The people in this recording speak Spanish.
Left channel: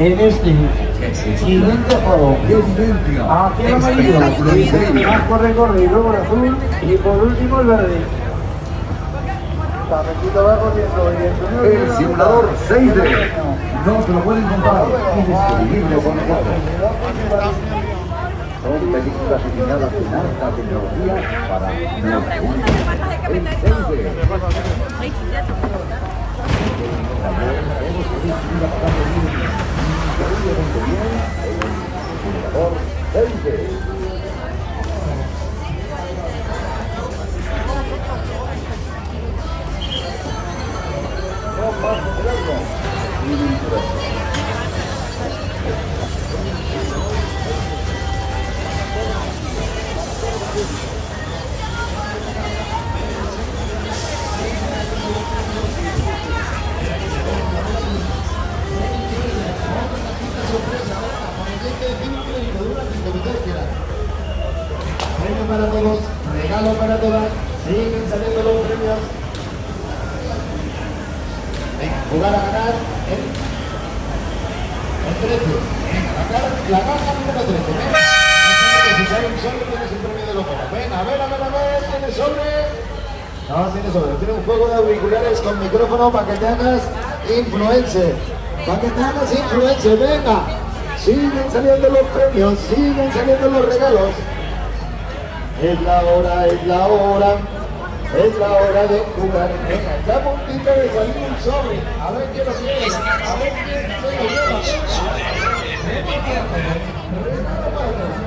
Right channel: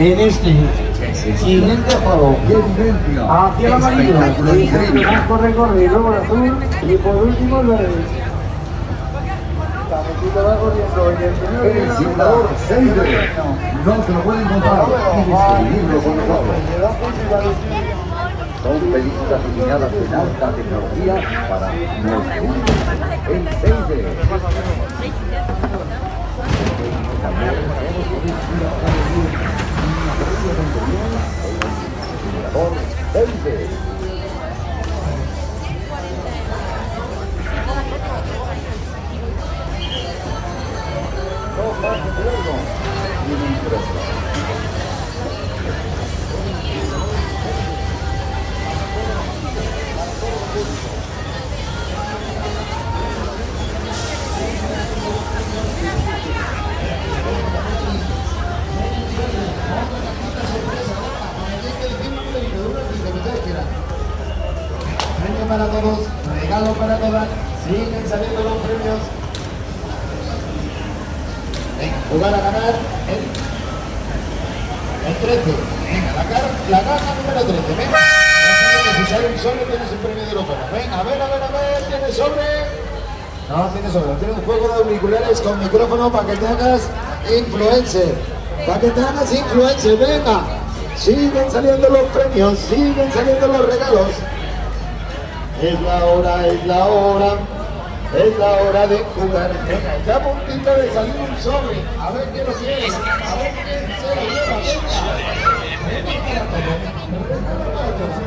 en este siguiente juego. Aquí el amarillo, blanco recorrido por azul y por último el verde. El simulador 6D. No se lo pueden comprar, tienes que vivirlo con nosotros. Son películas animadas en alta tecnología para nuestro mundo. El 6D. También todos podéis ir a vivir increíblemente bien el simulador 6D. No más juego, ni me interesa. Premio para todos, regalo para todas, siguen saliendo los premios. Venga, jugar a ganar el 13. Venga, la cara número 13. Venga, si sale un sobre tienes el premio de locura. Venga, a ver, ¿tienes sobre? No, tienes sobre. Tienes un juego de auriculares con micrófono para que te hagas influencer. Para que te hagas influencer, venga. Siguen saliendo los premios, siguen saliendo los regalos. Es la hora, es la hora. Es la hora de jugar. Venga, está a puntito de salir un sobre. A ver qué lo quiere. A ver quién se lo lleva. Venga. Venga para todos. Venga para todos.